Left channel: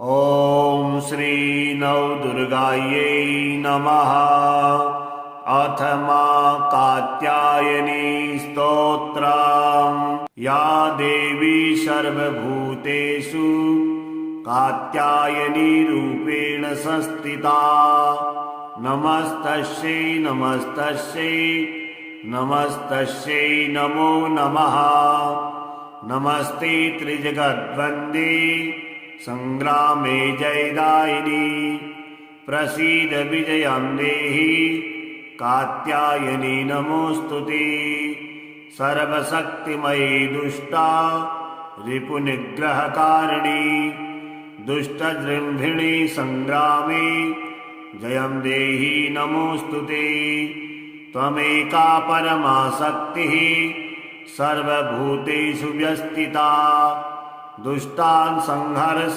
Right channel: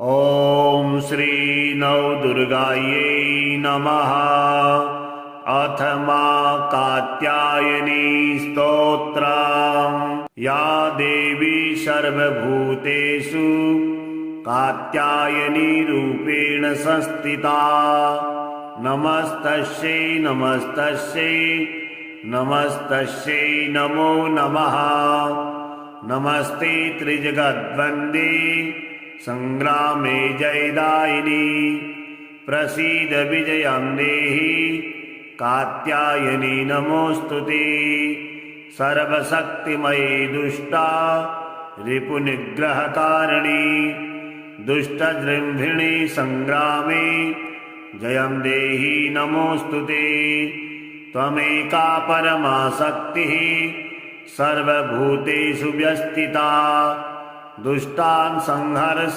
ॐ श्री नवदुर्गायै नमः। अथ मा कात्यायनी स्तोत्रम्। या देवी सर्वभूतेषु कात्यायनी रूपेण संस्थिता। नमस्तस्यै नमस्तस्यै नमस्तस्यै नमो नमः। नमस्ते त्रिजगद्वन्द्ये संग्रामे जयदायिनी। प्रसीद विजयं देहि कात्यायनी नमोऽस्तुते। सर्वशक्तिमयी दुष्टा रिपुनिग्रहकारिणी। दुष्टजृम्भिणी संग्रामे जयं देहि नमोऽस्तुते। त्वमेका परमा शक्तिः सर्वभूतेषु व्यस्थिता। दुष्टान् संहर